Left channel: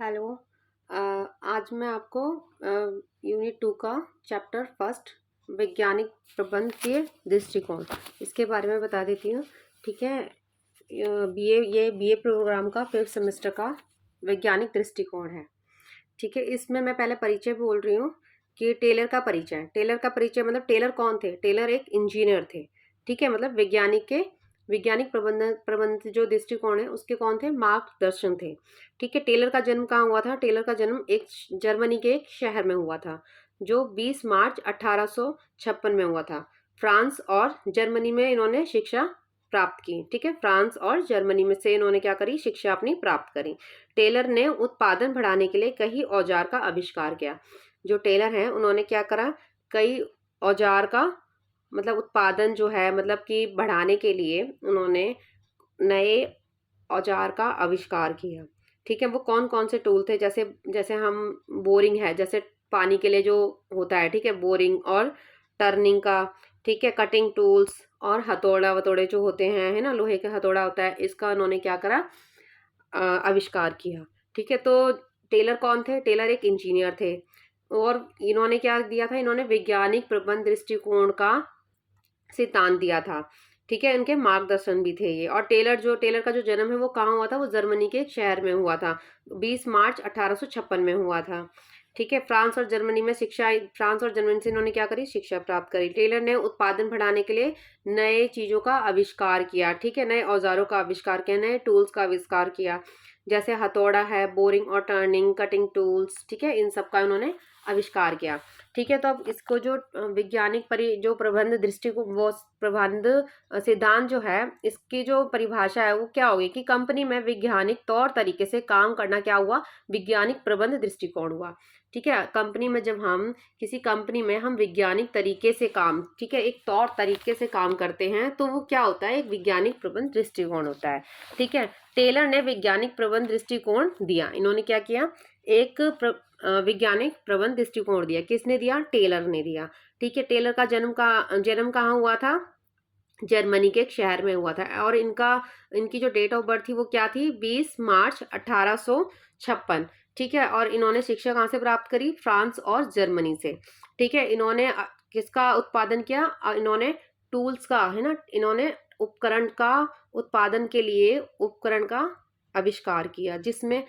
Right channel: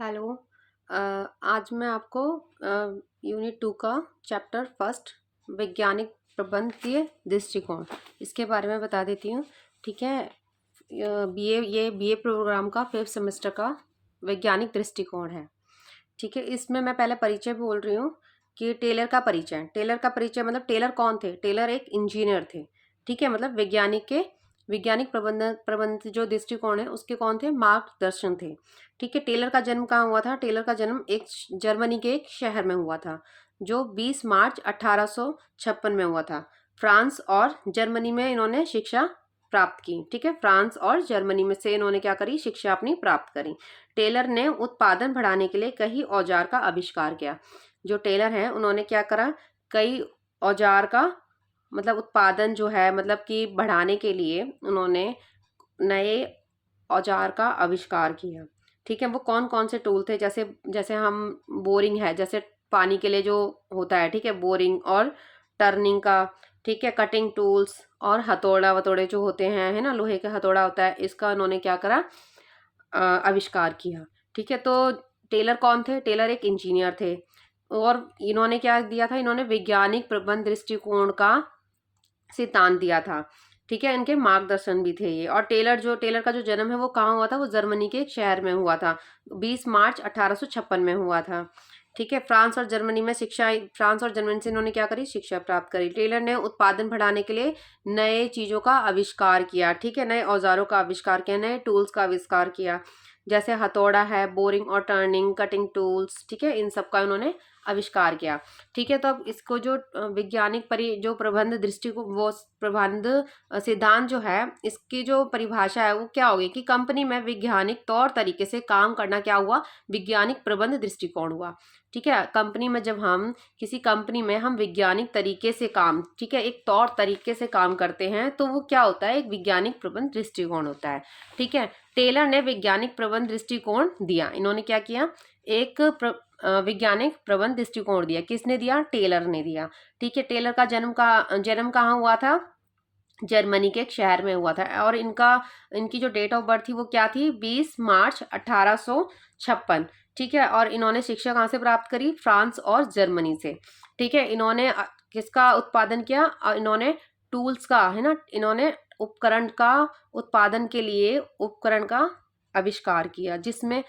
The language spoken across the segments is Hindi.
हेलो। अ, आज मैं आपको यूनिट 2 का चैप्टर फर्स्ट वैज्ञानिक प्रबंध के दृष्टिकोण इसके बारे में बता देती हूँ। ठीक है। बीए प्रोग्राम का 5th सेमेस्टर का वैज्ञानिक दृष्टिकोण है। ठीक है। इसमें मैं पहले परिचय बोल रही हूँ कि टेलर का परिचय मतलब टेलर कौन थे। टेलर एक इंजीनियर थे। ठीक है। मतलब वैज्ञानिक प्रबंध जो दृष्टिकोण है उसके कौन थे, मार्गदर्शन थे। ठीक है। टेलर का जन्म कहाँ हुआ था? टेलर का जन्म एक जर्मनी के एक शहर में हुआ था जो 20 मार्च 1856 में हुआ था। फ्रांस और जर्मनी में इन्होंने शिक्षा प्राप्त की। ठीक है। फ्रांस और जर्मनी में से इन्होंने क्या करी, शिक्षा अपनी प्राप्त करी। टेलर ने उत्पादन बढ़ाने के लिए कई औजार का आविष्कार किया। जो टेलर हैं उन्होंने क्या करा, कई औजार का मतलब उत्पादन जो है मतलब कि बढ़ाने के लिए उन्होंने नए औजार का आविष्कार किया। ठीक है। वो कौन कौन से टूल थे, जैसे जैसे हम बोरिंग है, जैसे पानी के लिए जो होता है। ठीक है। बोरिंग और टर्निंग का। ठीक है। कटिंग टूल्स और हथौड़ा वथौड़े जो होते हैं, है ना, लोहे का हथौड़ा होता है, इसका उन्होंने क्या करा, आविष्कार किया। ठीक है। तो टेलर कौन थे? टेलर एक इंजीनियर थे और इन्होंने क्या दिया था, इन्होंने वैज्ञानिक प्रबंध दृष्टिकोण का सिद्धांत दिया था। ठीक है। इनके मार्गदर्शन भी थे ये। और टेलर का जो जन्म है वो कहाँ हुआ था? वो जर्मनी के एक शहर में हुआ था। 20 मार्च 1856 में हुआ था। ठीक है। फ्रांस और जर्मनी से इन्होंने क्या करी, शिक्षा प्राप्त करी। टेलर ने उत्पादन बढ़ाने के लिए नए चीजों का आविष्कार किया। ठीक है। नए औजारों का आविष्कार किया, नए टूल्स का आविष्कार किया, जैसे हथौड़ा है, बोरिंग और टर्निंग, कटिंग टूल्स। ठीक है। इन सब का इन्होंने आविष्कार किया। ठीक है। तो अब इसको जो जो प्रबंध दृष्टि को वो प्रबंध सिद्धांत जो है, इसकी जो परिभाषा है वो क्या होगी कि कंपनी में वैज्ञानिक तौर तरीके से काम करना क्या हुआ, वैज्ञानिक प्रबंध दृष्टिकोण हुआ। ठीक है। कंपनी में जब हम किसी कंपनी में हम वैज्ञानिक तरीके से काम, ठीक है, एक तौर तरीके से काम करते हैं तो वो क्या होता है, एक वैज्ञानिक प्रबंध दृष्टिकोण होता है। ठीक है। टेलर ने वैज्ञानिक प्रबंध दृष्टिकोण दिया। इन्होंने क्या किया, एक वैज्ञानिक प्रबंध दृष्टिकोण दिया। किसने दिया? टेलर ने दिया। ठीक है। टेलर का जन्म कहाँ हुआ था? जर्मनी के एक शहर में हुआ था। और इनकी जो डेट ऑफ बर्थ थी वो क्या थी? 20 मार्च 1856। ठीक है। और इन्होंने शिक्षा कहाँ से प्राप्त करी? फ्रांस और जर्मनी से। ठीक है। इन्होंने किसका उत्पादन किया? इन्होंने टूल्स का, है ना, इन्होंने उपकरण का उत्पादन के लिए उपकरण का आविष्कार किया, जिसमें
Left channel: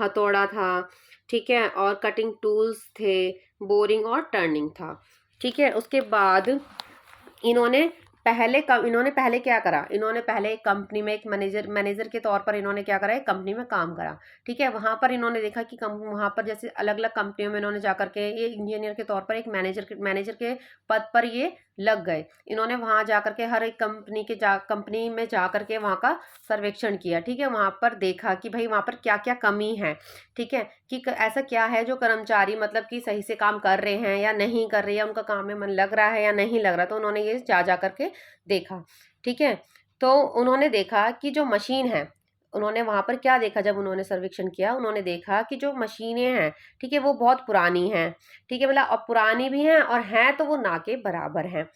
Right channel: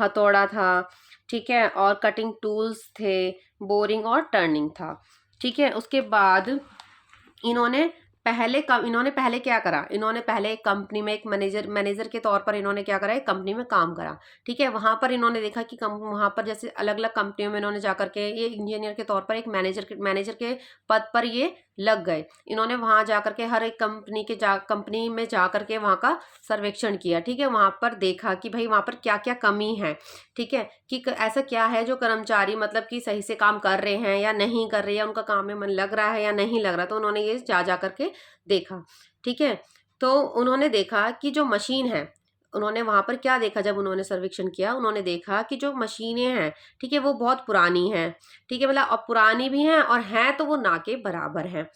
हथौड़ा था। ठीक है। और कटिंग टूल्स थे, बोरिंग और टर्निंग था। ठीक है। उसके बाद इन्होंने इन्होंने पहले क्या करा, इन्होंने पहले एक कंपनी में एक मैनेजर मैनेजर के तौर पर इन्होंने क्या करा, एक कंपनी में काम करा। ठीक है। वहां पर इन्होंने देखा कि वहां पर जैसे अलग अलग कंपनियों में इन्होंने जाकर के ये इंजीनियर के तौर पर एक मैनेजर के पद पर ये लग गए। इन्होंने वहां जाकर के हर एक कंपनी में जाकर के वहां का सर्वेक्षण किया। ठीक है। वहां पर देखा कि भाई वहां पर क्या क्या कमी है। ठीक है। कि ऐसा क्या है जो कर्मचारी मतलब कि सही से काम कर रहे हैं या नहीं कर रहे हैं, उनका काम में मन लग रहा है या नहीं लग रहा। तो उन्होंने ये जा करके देखा। ठीक है। तो उन्होंने देखा कि जो मशीन है, उन्होंने वहां पर क्या देखा, जब उन्होंने सर्वेक्षण किया उन्होंने देखा कि जो मशीनें हैं, ठीक है, वो बहुत पुरानी हैं। ठीक है। मतलब अब पुरानी भी हैं और हैं तो वो ना के बराबर हैं।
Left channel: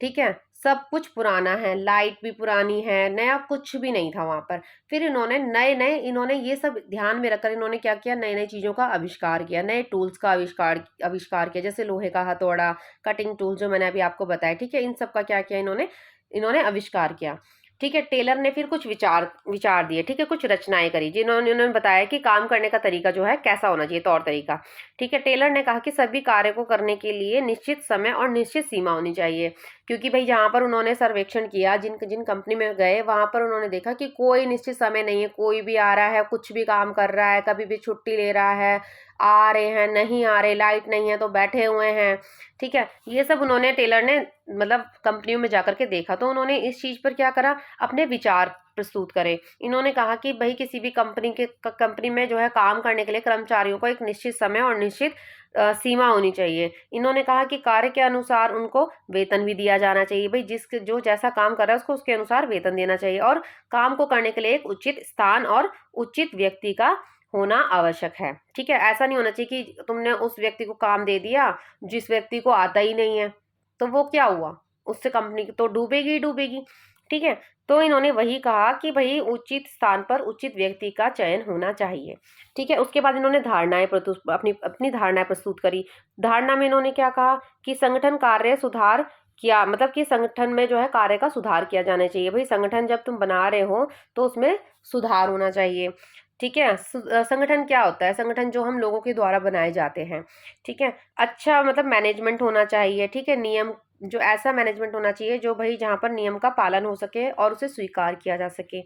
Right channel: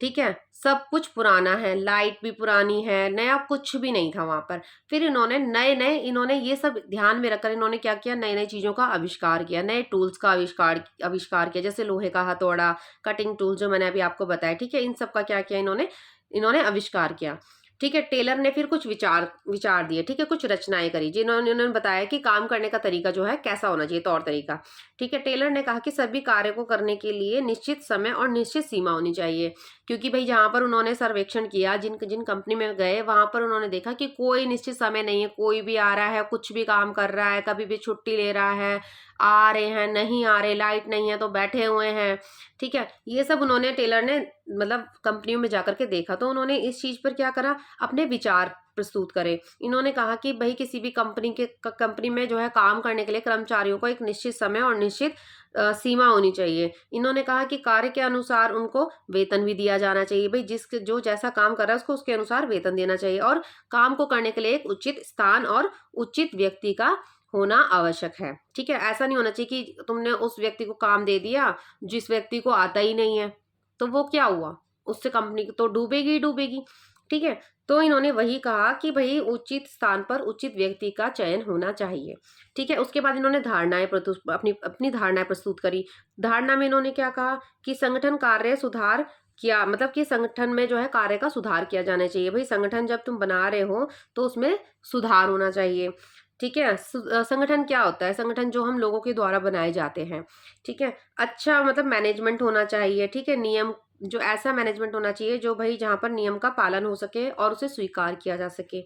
ठीक है। सब कुछ पुराना है, लाइट भी पुरानी है, नया कुछ भी नहीं था वहां पर। फिर इन्होंने नए नए इन्होंने ये सब ध्यान में रखकर इन्होंने क्या किया, नई नई चीजों का आविष्कार किया, नए टूल्स का आविष्कार किया, जैसे लोहे का हथौड़ा, कटिंग टूल जो मैंने अभी आपको बताया। ठीक है। इन सब का क्या किया, इन्होंने इन्होंने आविष्कार किया। ठीक है। टेलर ने फिर कुछ विचार विचार दिए। ठीक है। कुछ रचनाएं करी जिन्होंने उन्होंने बताया कि काम करने का तरीका जो है कैसा होना चाहिए, तौर तरीका। ठीक है। टेलर ने कहा कि सभी कार्य को करने के लिए निश्चित समय और निश्चित सीमा होनी चाहिए। क्योंकि भाई जहां पर उन्होंने सर्वेक्षण किया, जिन जिन कंपनी में गए, वहां पर उन्होंने देखा कि कोई निश्चित समय नहीं है, कोई भी आ रहा है, कुछ भी काम कर रहा है, कभी भी छुट्टी ले रहा है, आ रहे हैं, नहीं आ रहे, लाइट नहीं है तो बैठे हुए हैं। ठीक है। ये सब उन्होंने टेलर ने मतलब कंपनियों में जाकर के देखा। तो उन्होंने इस चीज पर क्या करा, अपने विचार प्रस्तुत करे। इन्होंने कहा कि भाई किसी भी कंपनी में जो है काम करने के लिए कर्मचारियों को एक निश्चित समय और निश्चित सीमा होनी चाहिए। इन्होंने कहा कि कार्य के अनुसार उनको वेतन भी दिया जाना चाहिए। भाई जो जैसा काम कर रहा है उसको उसके अनुसार वेतन देना चाहिए। और काम को करने के लिए एक उचित स्थान और उचित व्यक्ति का होना आवश्यक है। ठीक है। ऐसा नहीं होना चाहिए कि तुमने उस व्यक्ति को काम दे दिया जिस व्यक्ति को आता ही नहीं है, तो वो क्या हुआ, उससे कंपनी तो डूबेगी ही डूबेगी। ठीक है। तो इन्होंने वही कहा कि भाई उचित स्थान पर उचित व्यक्ति का चयन होना चाहिए। ठीक है, उसके बाद इन्होंने धारणाएं प्रस्तुत अपनी अपनी धारणाएं प्रस्तुत करी। धारणा में इन्होंने क्या कहा कि संगठन कार्य सुधार किया, मतलब कि संगठन में जो है कार्य का सुधार किया जाना चाहिए। भाई संगठन जब तुम बना रहे हो तो उसमें सुधार होना चाहिए। ठीक है, संगठन क्या होता है? संगठन जो हम लोगों के द्वारा बनाए जाते हैं। ठीक है, अच्छा मतलब मैनेजमेंट होना चाहिए। ठीक है, नियम जो ऐसा मैनेजमेंट होना चाहिए जो भाई जहाँ पर नियम का पालन हो सके और उसे स्वीकार किया जा सके।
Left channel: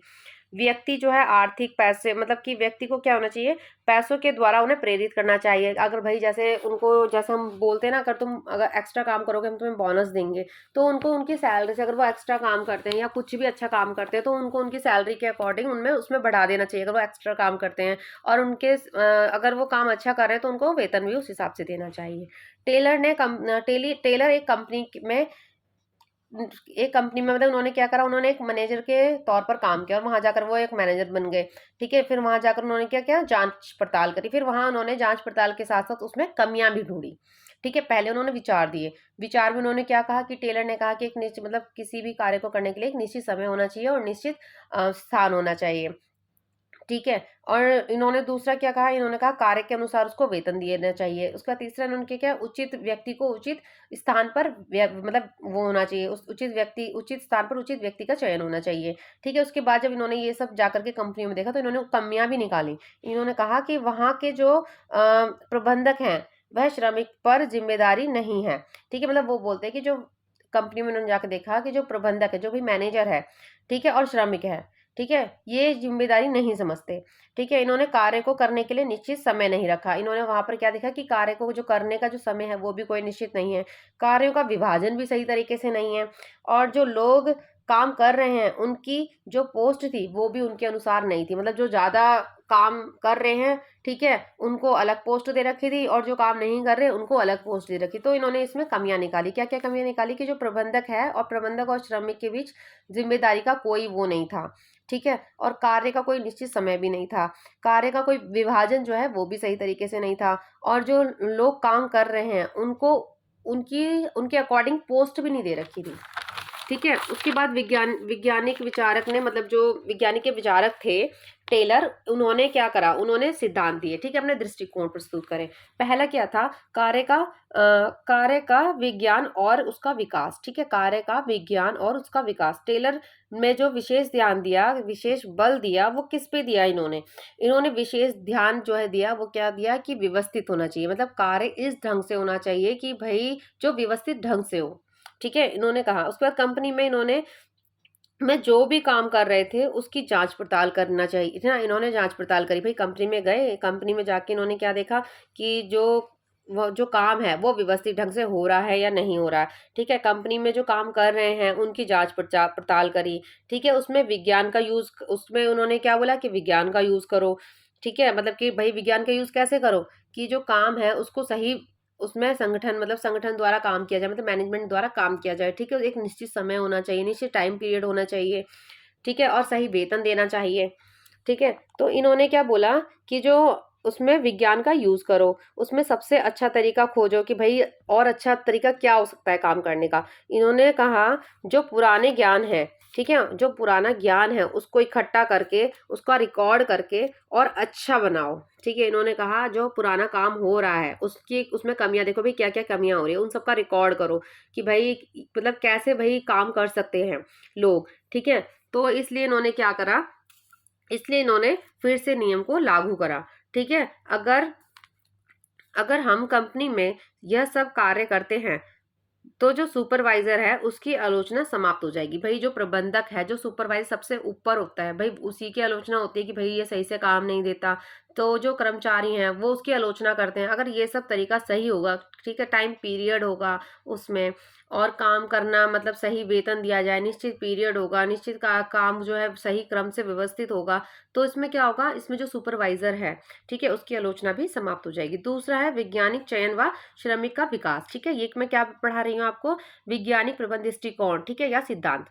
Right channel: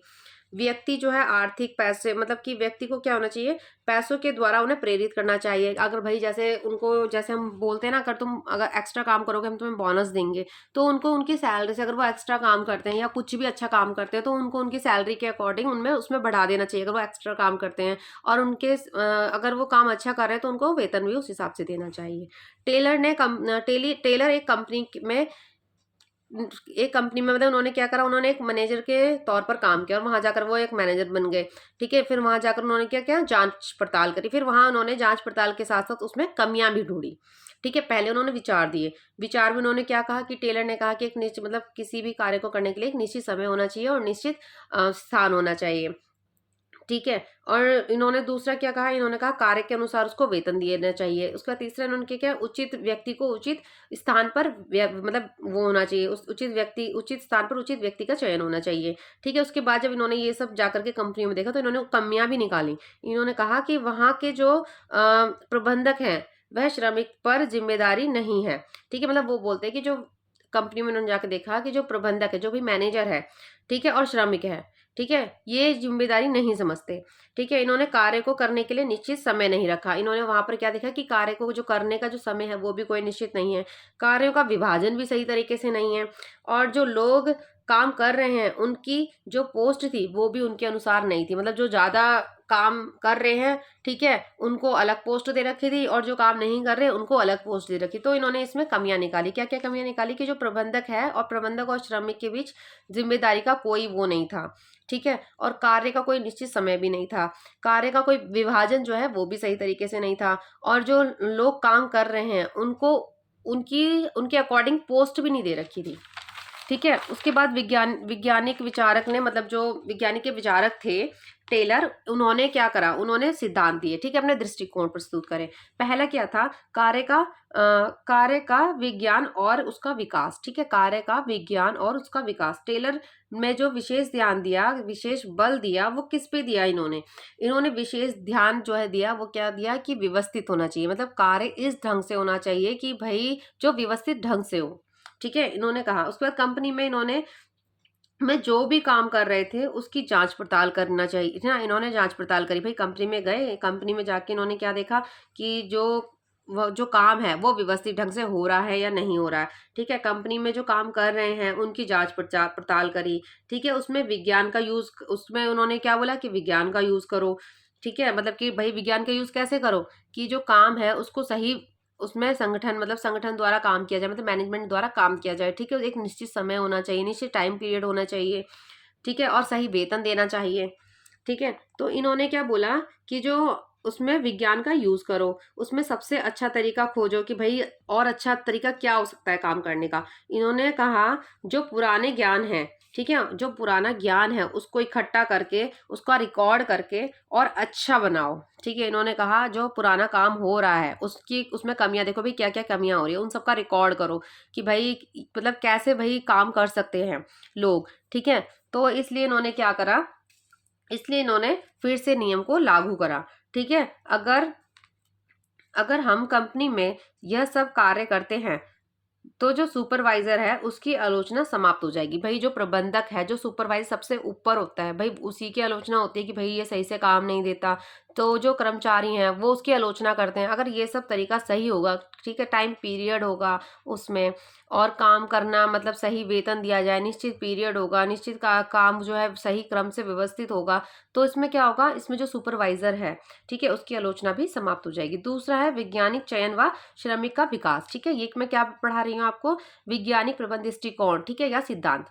व्यक्ति जो है आर्थिक पैसे, मतलब कि व्यक्ति को क्या होना चाहिए, पैसों के द्वारा उन्हें प्रेरित करना चाहिए। अगर भाई जैसे उनको, जैसे हम बोलते हैं ना, अगर तुम अगर एक्स्ट्रा काम करोगे हम तुम्हें बोनस देंगे, तो उनको उनकी सैलरी से, अगर वो एक्स्ट्रा काम करते हैं या कुछ भी अच्छा काम करते हैं तो उनको उनकी सैलरी के अकॉर्डिंग उनमें उसमें बढ़ा देना चाहिए, अगर वो एक्स्ट्रा काम करते हैं। और उनके अगर वो काम अच्छा कर रहे हैं तो उनको वेतन भी उस हिसाब से देना चाहिए। टेलर एक कंपनी में मतलब उन्होंने क्या करा, उन्होंने एक मैनेजर के तौर पर काम किया और वहां जाकर वो एक मैनेजर बन गए। ठीक है, फिर वहां जाकर उन्होंने क्या किया, जांच पड़ताल करी। फिर वहां उन्होंने जांच पड़ताल के साथ साथ उसमें कमियां भी ढूंढी। ठीक है, पहले उन्होंने विचार दिए। विचार में उन्होंने क्या कहा कि टेलर ने कहा कि एक निश्चित, मतलब किसी भी कार्य को करने के लिए एक निश्चित समय होना चाहिए और निश्चित स्थान होना चाहिए। ठीक है, और इन्होंने दूसरा क्या कहा, इन्होंने कहा कार्य के अनुसार उसको वेतन देना चाहिए। उसका तीसरा इन्होंने क्या किया, उचित व्यक्ति को उचित स्थान पर मतलब वो होना चाहिए, उस उचित स्थान पर उचित व्यक्ति का चयन होना चाहिए। ठीक है, उसके बाद जब इन्होंने ये सब जाकर के कंपनियों में देखा तो इन्होंने कमियां भी निकाली। इन्होंने कहा कि वहाँ के जो प्रबंधक हैं वह श्रमिक पर जिम्मेदारी नहीं है। ठीक है, मतलब वो बोलते हैं कि जो कंपनी में उन्होंने जाकर देखा कि जो प्रबंधक है, जो भी मैनेजर है, ठीक है, और श्रमिक है, ठीक है, ये जिम्मेदारी नहीं समझते। ठीक है, इन्होंने कार्य को करने के लिए निश्चित समय नहीं रखा। इन्होंने वहां पर क्या देखा कि कार्य को जो करने का जो समय है वो भी कोई निश्चित नहीं है। कार्यों का विभाजन भी सही तरीके से नहीं है। और जो लोग काम कर रहे हैं उनकी जो पोस्ट थी वो भी उनके अनुसार नहीं थी, मतलब जो ज्यादा काम कर रहे हैं, ठीक है, उनको अलग पोस्ट दे रखी थी और जो काम नहीं कर रहे उनको अलग पोस्ट दे रखी। तो इन्होंने इसमें कमियां निकाली। क्या क्या कमियां निकाली कि जो प्रबंधक है और प्रबंधक और श्रमिक के बीच जिम्मेदारी का कोई वो नहीं था। ठीक है, और कार्य का कोई निश्चित समय भी नहीं था। कार्य का कोई विभाजन जो है वो भी सही तरीके से नहीं था। और जो लोग काम कर रहे हैं उनको उनकी उनके अकॉर्डिंग पोस्ट भी नहीं दे रखी थी। ठीक है, उसके बाद वैज्ञानिक विचारक ने, मतलब जो वैज्ञानिक के विचारक थे टेलर, उन्होंने क्या करा, उन्होंने सिद्धांत दिए। ठीक है, अपने दृष्टिकोण प्रस्तुत करें। पहला क्या था, कार्य का विज्ञान और उसका विकास। ठीक है, कार्य का विज्ञान और उसका विकास। टेलर में जो विशेष ध्यान दिया, विशेष बल दिया, वो किस पे दिया, इन्होंने विशेष ध्यान जो है दिया, वो क्या दिया कि व्यवस्थित होना चाहिए, मतलब कार्य इस ढंग से होना चाहिए कि भाई जो व्यवस्थित ढंग से हो। ठीक है, इन्होंने कहा। उसके बाद कंपनी में इन्होंने में जो भी काम कर रहे थे उसकी जांच पड़ताल करना चाहिए ना, इन्होंने जांच पड़ताल करी। भाई कंपनी में गए, कंपनी में जाके इन्होंने क्या देखा कि वो जो काम है वो व्यवस्थित ढंग से हो रहा है या नहीं हो रहा है। ठीक है, कंपनी में जो काम कर रहे हैं उनकी जांच पड़ताल करी। ठीक है, उसमें विज्ञान का यूज, उसमें उन्होंने क्या बोला कि विज्ञान का यूज करो। ठीक है, मतलब कि भाई विज्ञान का यूज कैसे करो कि जो काम है उसको सही, उसमें संगठन, मतलब संगठन द्वारा काम किया जाए, मतलब मैनेजमेंट द्वारा काम किया जाए। ठीक है, एक निश्चित समय होना चाहिए, निश्चित टाइम पीरियड होना चाहिए। ठीक है, और सही वेतन देना चाहिए। ठीक है, तो इन्होंने क्या बोला कि जो उसमें विज्ञान का यूज करो, उसमें सबसे अच्छा तरीका खोजो कि भाई और अच्छा तरीका क्या हो सकता है काम करने का। इन्होंने कहा जो पुराने ज्ञान है, ठीक है, जो पुराना ज्ञान है उसको इकट्ठा करके, उसका रिकॉर्ड करके और अच्छा बनाओ। ठीक है, इन्होंने कहा जो पुराना काम हो रहा है उसकी, उसमें कमियां देखो, भाई क्या क्या कमियां हो रही है उन सबका रिकॉर्ड करो कि भाई मतलब कैसे भाई काम कर सकते हैं लोग। ठीक है, तो इसलिए इन्होंने क्या करा, इसलिए इन्होंने फिर से नियम को लागू करा। ठीक है, अगर अगर हम कंपनी में यह सब कार्य करते हैं तो जो सुपरवाइजर है उसकी आलोचना समाप्त हो जाएगी। भाई जो प्रबंधक है, जो सुपरवाइजर सबसे ऊपर होता है, भाई उसी की आलोचना होती है कि भाई ये सही से काम नहीं देता। तो जो कर्मचारी हैं वो उसकी आलोचना करते हैं। अगर ये सब तरीका सही होगा, ठीक है, टाइम पीरियड होगा उसमें, और काम करना मतलब सही वेतन दिया जाए, निश्चित पीरियड होगा, निश्चित काम जो है सही क्रम से व्यवस्थित होगा, तो इसमें क्या होगा, इसमें जो सुपरवाइजर है, ठीक है, उसकी आलोचना भी समाप्त हो जाएगी। दूसरा है वैज्ञानिक चयन व श्रमिक का विकास। ठीक है, ये मैं क्या पढ़ा रही हूँ आपको, वैज्ञानिक प्रबंध दृष्टिकोण, ठीक है, या सिद्धांत।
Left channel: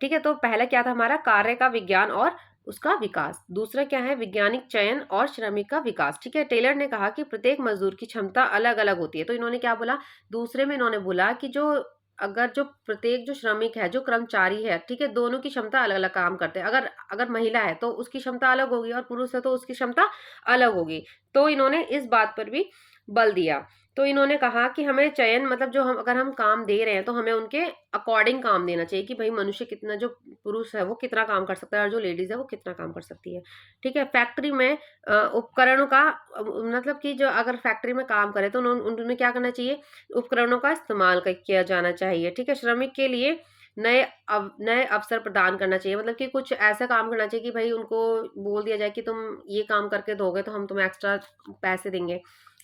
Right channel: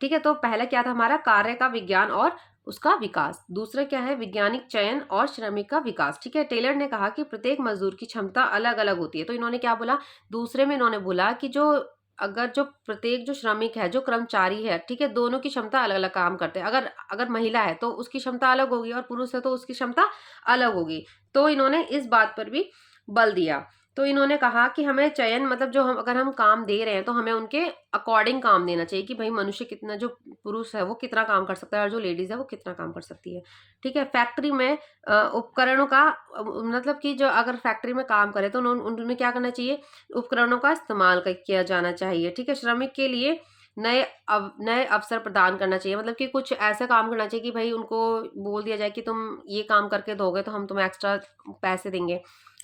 ठीक है, तो पहला क्या था हमारा, कार्य का विज्ञान और उसका विकास। दूसरा क्या है, वैज्ञानिक चयन और श्रमिक का विकास। ठीक है, टेलर ने कहा कि प्रत्येक मजदूर की क्षमता अलग अलग होती है। तो इन्होंने क्या बोला, दूसरे में इन्होंने बोला कि जो अगर जो प्रत्येक जो श्रमिक है, जो कर्मचारी है, ठीक है, दोनों की क्षमता अलग अलग काम करते हैं। अगर अगर महिला है तो उसकी क्षमता अलग होगी और पुरुष है तो उसकी क्षमता अलग होगी। तो इन्होंने इस बात पर भी बल दिया। तो इन्होंने कहा कि हमें चयन मतलब जो हम अगर हम काम दे रहे हैं तो हमें उनके अकॉर्डिंग काम देना चाहिए कि भाई मनुष्य कितना, जो पुरुष है वो कितना काम कर सकता है और जो लेडीज है वो कितना काम कर सकती है। ठीक है, फैक्ट्री में उपकरणों का मतलब कि जो अगर फैक्ट्री में काम करे तो उनमें क्या करना चाहिए, उपकरणों का इस्तेमाल किया जाना चाहिए। ठीक है, श्रमिक के लिए नए अवसर प्रदान करना चाहिए, मतलब कि कुछ ऐसा काम करना चाहिए कि भाई उनको बोल दिया जाए कि तुम ये काम करके दोगे तो हम तुम्हें एक्स्ट्रा पैसे देंगे।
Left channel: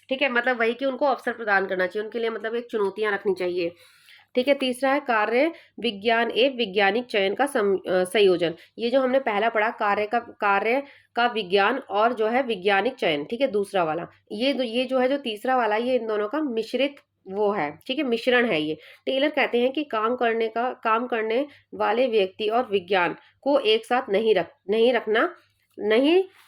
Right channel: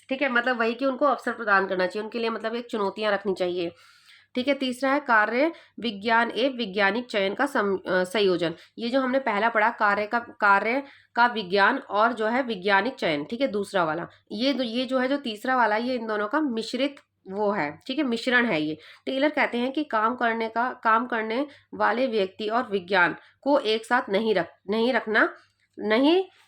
ठीक है, मतलब वही कि उनको अवसर प्रदान करना चाहिए, उनके लिए मतलब एक चुनौतियां रखनी चाहिए। ठीक है, तीसरा है कार्य विज्ञान एवं वैज्ञानिक चयन का संयोजन। ये जो हमने पहला पढ़ा कार्य का विज्ञान और जो है वैज्ञानिक चयन, ठीक है, दूसरा वाला, ये जो है जो तीसरा वाला, ये इन दोनों का मिश्रित वो है, ठीक है, मिश्रण है ये। टेलर कहते हैं कि काम करने वाले व्यक्ति और विज्ञान को एक साथ नहीं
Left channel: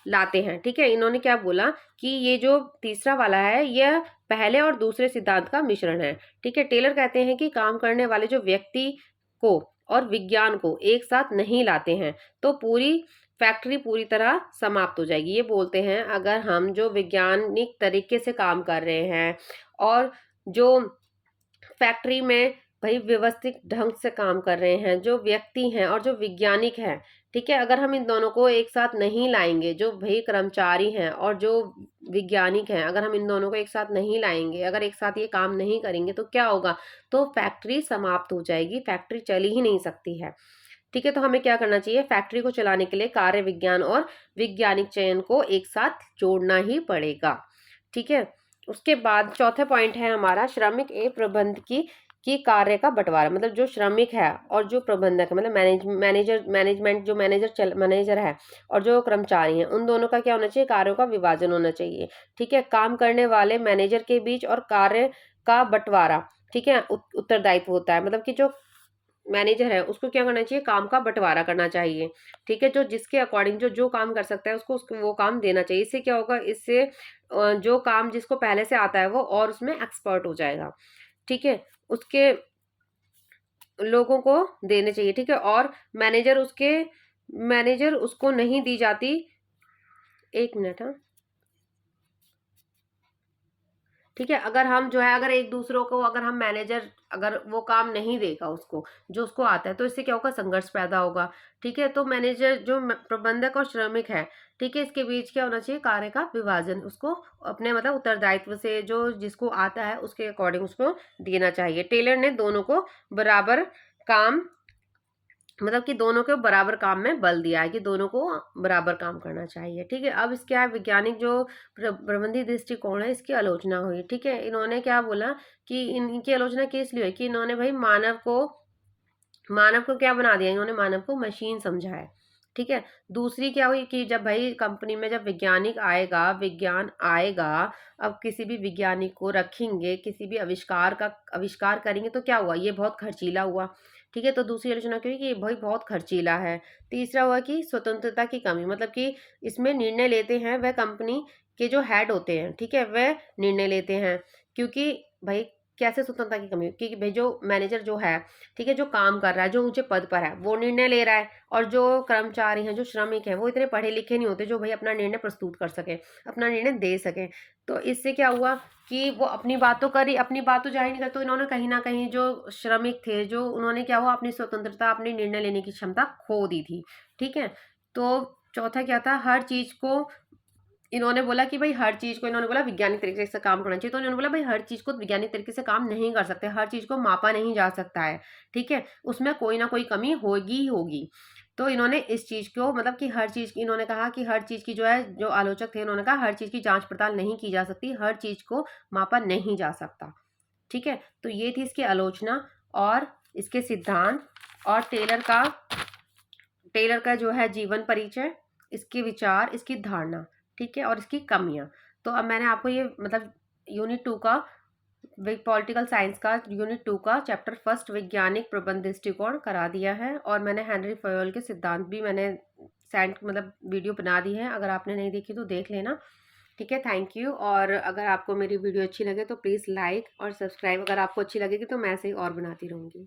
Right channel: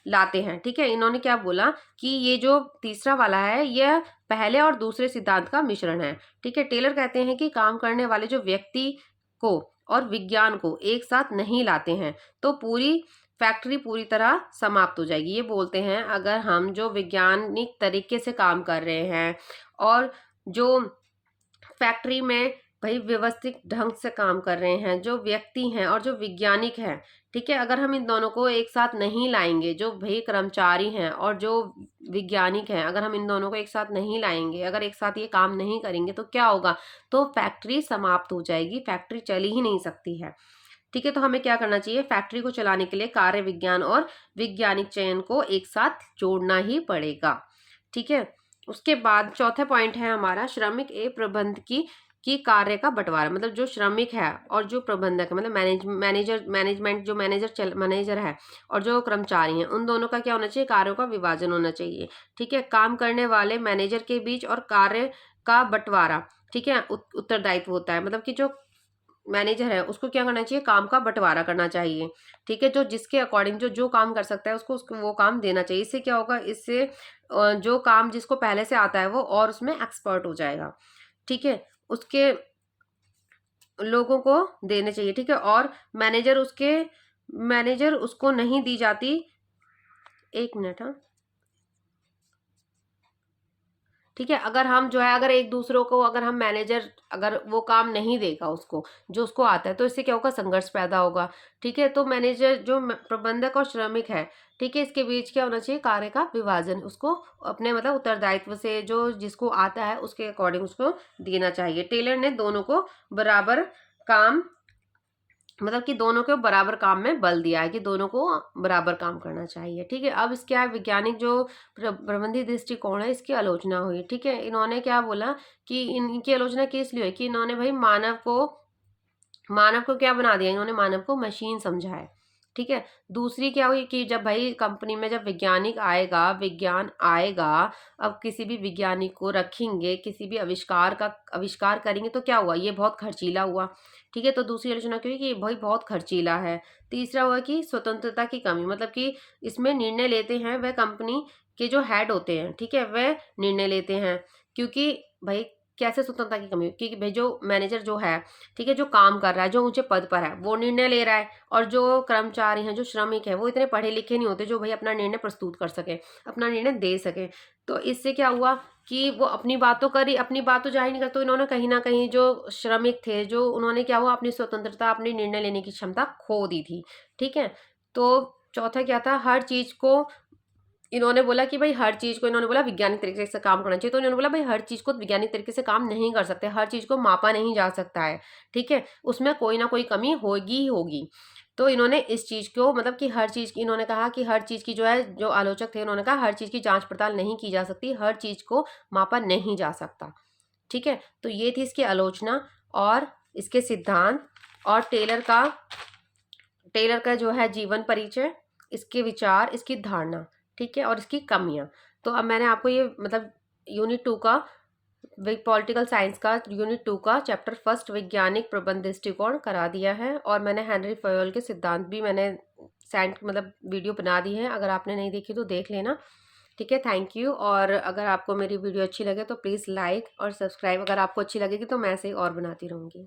लाते हैं। ठीक है, इन्होंने क्या बोला कि ये जो तीसरा वाला है यह पहले और दूसरे सिद्धांत का मिश्रण है। ठीक है, टेलर कहते हैं कि काम करने वाले जो व्यक्ति को और विज्ञान को एक साथ नहीं लाते हैं तो पूरी फैक्ट्री पूरी तरह समाप्त हो जाएगी। ये बोलते हैं अगर हम जो वैज्ञानिक तरीके से काम कर रहे हैं और जो फैक्ट्री में भाई व्यवस्थित ढंग से काम कर रहे हैं, जो व्यक्ति हैं और जो वैज्ञानिक हैं, ठीक है, अगर हम इन दोनों को एक साथ नहीं लाएंगे, जो भाई कर्मचारी हैं और जो वैज्ञानिक हैं, अगर हम इन दोनों को एक साथ नहीं लाएंगे, अगर एक साथ ये काम नहीं करेंगे तो क्या होगा, तो फैक्ट्री समाप्त हो जाएगी, फैक्ट्री चल ही नहीं सकती है। ठीक है, तो हमें क्या करना चाहिए, फैक्ट्री को चलाने के लिए कार्य विज्ञान और वैज्ञानिक चयन को एक साथ जोड़ना ही पड़ेगा। ठीक है, उसके बाद चौथे पॉइंट है हमारा श्रमिक ए प्रबंध की कार्य का बंटवारा। मतलब जो श्रमिक है और जो प्रबंधक है, मतलब मैनेजर है और जो कर्मचारी हैं, उन दोनों का क्या होना चाहिए, कार्यों का विभाजन होना चाहिए। ठीक है, काम करने वाले मैनेजर के बीच और कार्य का बंटवारा, ठीक है, उत्तरदायित्व होता है। मतलब कि जो मैनेजर है उसको क्या करना चाहिए, काम का बंटवारा करना चाहिए। ठीक है, जो जिसके अकॉर्डिंग जो जो काम कर सकता है उसको वो काम देना चाहिए। इससे क्या होगा, इससे जो काम जिसको पहले से आता है वो और उसमें एक्सपर्ट हो जाएगा। ठीक है, उसके लोगों को देने चाहिए। ठीक है, और मैनेजर उसको नहीं दी जाती। एक मिनट, हाँ, ठीक है, अगर हम जो है अगर एक दूसरों को अगर हम मैनेजर अगर वो काम नहीं देगा उसको जो उसको आता है तो इससे क्या होगा, संघर्ष पैदा होगा। ठीक है, तो मैनेजर जो प्रबंधक और श्रमिक है, ठीक है, इसके बीच क्या होना चाहिए, कार्य का विभाजन, उसको अपने मतलब उत्तरदायित्व से जो जिसको आता है उसके अकॉर्डिंग उसको देना चाहिए। टेलर ने दोनों को बराबर काम मतलब कि दोनों को बराबर काम में बल दिया है कि दोनों को बराबर काम करना चाहिए। ठीक है, अब इसके वैज्ञानिक जो प्रबंधी दृष्टिकोण है इसकी आलोचना हुई। ठीक है, इन्होंने क्या बोला कि इनकी आलोचना किस लिए हुई कि इन्होंने भाई मानव को क्या बना दिया, इन्होंने मानव को मशीन समझा है। ठीक है, दूसरी क्या हुई कि जब भाई कंपनी में जब विज्ञान आएगा, अब किसी भी वैज्ञानिक को रखेंगे, किसी भी आविष्कार करेंगे तो क्या हुआ, ये बहुत खर्चीला हुआ। ठीक है, तो दूसरी आलोचना क्यों कि भाई बहुत खर्चीला है। तीसरा हुआ कि स्वतंत्रता की कमी, मतलब कि इसमें निर्णय लेते हैं वह कंपनी के जो हेड होते हैं, ठीक है, वह निर्णय लेते हैं। क्योंकि भाई कैसे स्वतंत्रता की कमी, क्योंकि भाई जो मैनेजर जो है, ठीक है, जो काम कर रहा है, जो ऊंचे पद पर है वो निर्णय ले रहा है, और जो कर्मचारी हैं, जो श्रमिक हैं, वो इतने पढ़े लिखे नहीं होते जो भाई अपना निर्णय प्रस्तुत कर सके, अपना निर्णय दे सके। तो इससे क्या हुआ कि वो अपनी बात तो जाहिर नहीं करते, तो इन्होंने कहीं ना कहीं जो श्रमिक थे जो उन्होंने क्या हुआ, अपनी स्वतंत्रता, अपनी निर्णय लेने की क्षमता खो दी थी। ठीक है, तो चौथा क्या था, हर चीज को इन्होंने बोला कि भाई हर चीज़ को इन्होंने बोला वैज्ञानिक तरीके से काम करना चाहिए। तो इन्होंने बोला भाई हर चीज़ को वैज्ञानिक तरीके से काम नहीं कर सकते, हर चीज़ को मापा नहीं जा सकता है। ठीक है, उसमें कोई ना कोई कमी होगी ही होगी। तो इन्होंने इस चीज़ को मतलब कि हर चीज़ की इन्होंने कहा कि हर चीज़ की जो है, जो आलोचक थे उन्होंने कहा हर चीज़ की जांच पड़ताल नहीं की जा सकती, हर चीज़ को मापा नहीं जा सकता। ठीक है, तो ये थी इसकी आलोचना और इसके सिद्धांत और टेलर का जो है जीवन परिचय, इसके विचार, इसकी धारणा, ठीक है, और इसकी कमियां। तो अब मैंने आपको ये मतलब यूनिट 2 का पॉलिटिकल साइंस का यूनिट 2 का चैप्टर फर्स्ट वैज्ञानिक प्रबंध दृष्टिकोण करा दिया है, और मैंने हेनरी फयोल के सिद्धांत भी मैंने सेंड मतलब वीडियो बना दी है, अगर आपने नहीं देखी तो देख लेना। ठीक है, थैंक यू। और अगर आपको मेरी वीडियो अच्छी लगे तो प्लीज़ लाइक और सब्सक्राइब, अगर आपको अच्छी लगेगी तो मैं ऐसे ही और बनाती रहूँगी।